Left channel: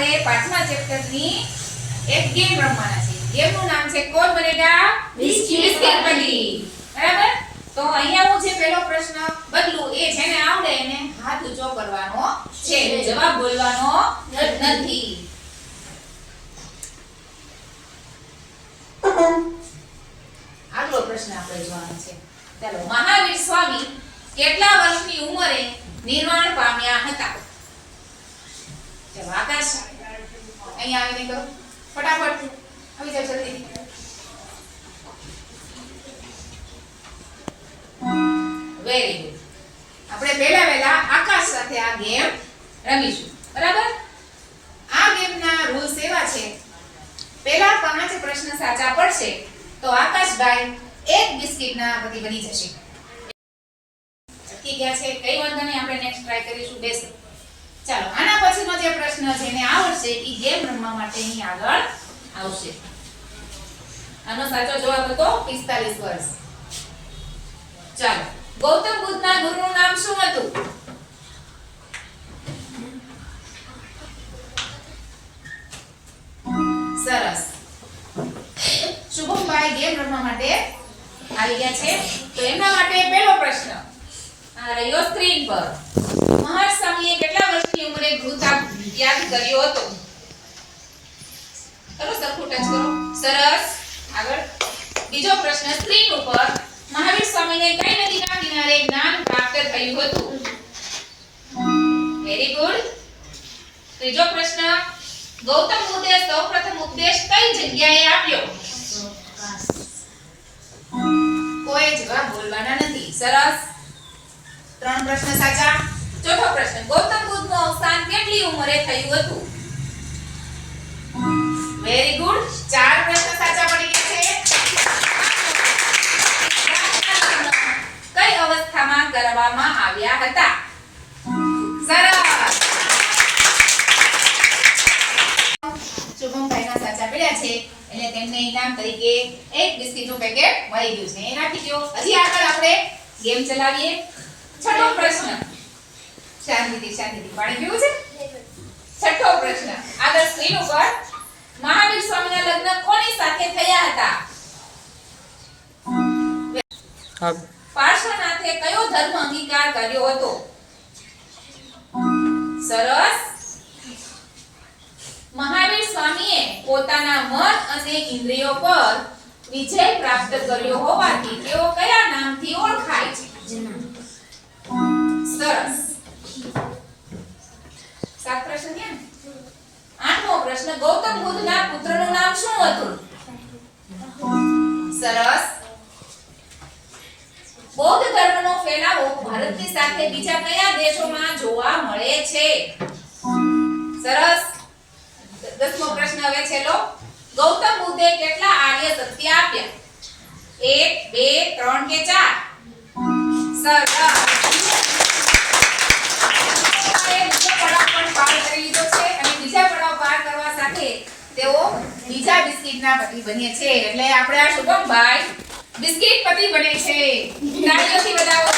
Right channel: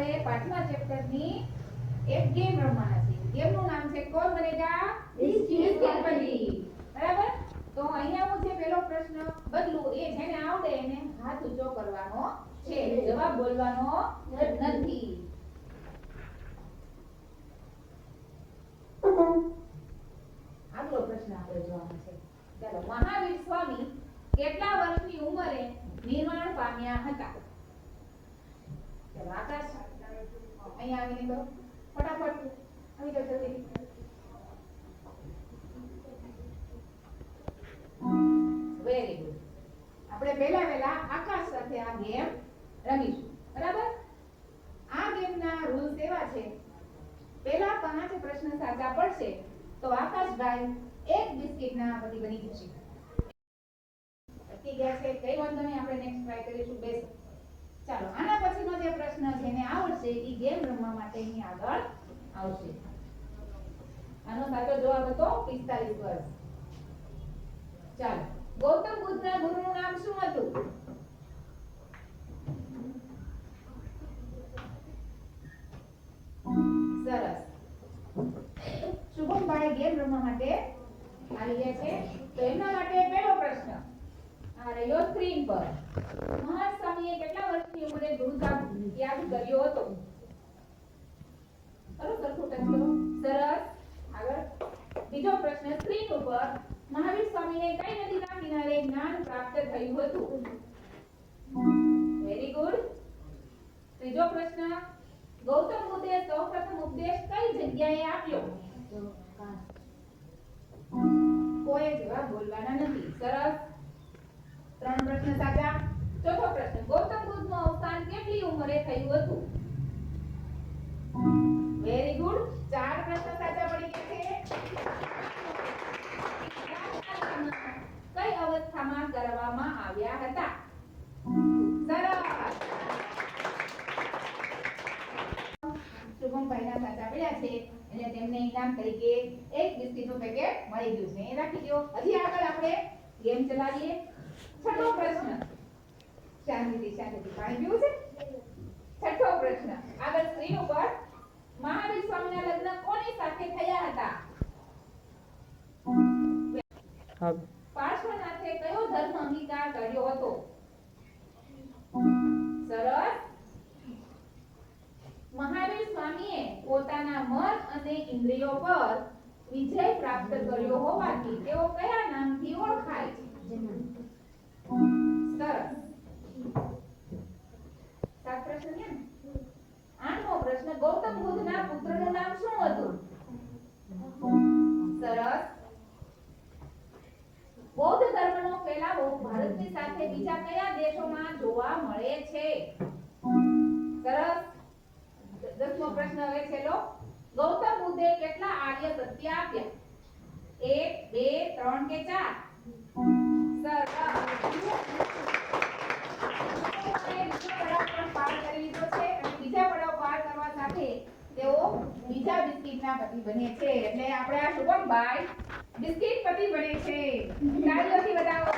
આપણે પાંચમા ચેપ્ટરની એક ગેમ રમવાના છે. ગેમનું નામ છે કોણ બનેગા બિસ્કિટ પટ્ટી. બરાબર? તો અહીંયા હું જે પહેલો પ્રશ્ન બદલું એ જેને આવડે એને હાથ ઊંચો કરવાનો છે. જવાબ બોલવાનો નથી. આગલો પ્રશ્ન આપણે જોવાનો છે. ચાલો, મહાવીર સ્વામી કેટલા વર્ષની ઉંમરે નિર્વાણ પામ્યા હતા? ચાલો આકાશ અહીંયા આવીને કરો ફટાફટ. આવી જાવ જલ્દી. Very good. આપણે પહેલા આકાશ સાથે આ ગેમ રમીશું. બરાબર? આ ગેમના રૂલ્સ એવા છે, પહેલા 5 પ્રશ્ન સાચા પડશે તો આકાશભાઈ એક બિસ્કિટના પતિ બની જશે. અટકી ગયા છે કઈ વાંધો નહીં, આપણે નેક્સ્ટ ટ્રાય કરીશું. બેસ. ચાલો, આના પછીનો જે પ્રશ્ન જેને આવડશે એ ગેમ રમવા માટે અહીં આગળ આવશે. આનો સાચો જવાબ હતો 45 વર્ષ. ચાલો, ગૌતમ બુદ્ધના ગુરુનું નામ શું હતું? સરસ. શુભમભાઈ ગેમ રમવા માટે આવી ગયા છે. તો એમના માટે પહેલો પ્રશ્ન આ રહ્યો સ્ક્રીન પર. મહર્ષિ સ્વામીએ કેટલા વર્ષની ઉંમરે ગુરુ ત્યાગ કર્યો હતો? ચલો સરખું ટચ કરો. સરસ. આગળ બીજો પ્રશ્ન સ્ક્રીન ઉપર. મહાવીર સ્વામીને કઈ નદીના કિનારે જ્ઞાન પ્રાપ્ત થયું હતું? Very good. ત્રીજો પ્રશ્ન. ગૌતમ બુદ્ધે સૌપ્રથમ ઉપદેશ કઈ જગ્યાએ આપ્યો? કોઈ જવાબ બોલવાના નથી. સરસ. 3 પ્રશ્ન સાચા. ચોથો પ્રશ્ન. ગૌતમ બુદ્ધનું અવસાન કેટલી ઉંમરે થયું હતું? Very good. 4 પ્રશ્ન સાચા પડી ગયા છે. કઈ અવસ્થામાં કરવામાં આવ્યા હતા? સરસ. શુભમભાઈના સાચા પડ્યા છે એટલે તેમને ઇનામ તરીકે એક બિસ્કિટનું પેકેટ મળી ગયું છે. એ રાખી દો. હજી આગળ આપણે ગેમ ચલાવીએ. છઠ્ઠો પ્રશ્ન. શાંતિથી પાણી પીવું છે? છઠ્ઠો પ્રશ્ન. આગળ સ્ક્રીન ઉપર. મહાવીર સ્વામીના લગ્ન કોની સાથે થયા હતા? પાર્શ્વનાથે કયો ધર્મ અંગીકાર કર્યો હતો? સરસ. મહાવીર સ્વામીએ પોતાના મન અને ઇન્દ્રિયો પર વિજય પ્રાપ્ત કર્યો હોવાથી તેઓ કયા નામથી ઓળખાય છે? સરસ. 7 પ્રશ્ન થયા ને? 8મો પ્રશ્ન. ગૌતમ બુદ્ધના પુત્રનું નામ શું હતું? સરસ. બૌદ્ધ ધર્મનો ફેલાવો ભારતની સાથે બીજા કયા દેશોમાં જોવા મળે છે? સરસ. 10મો પ્રશ્ન હવે છેલ્લો. ગૌતમ બુદ્ધે કેટલા આર્ય સત્ય આપ્યા? 1, 2, 3 કે 4? સરસ. બીજા બિસ્કિટના પતિ બને છે એટલે આપણે આ શુભમભાઈ બિસ્કિટ પતિ બને છે. તાળીઓથી બતાવો.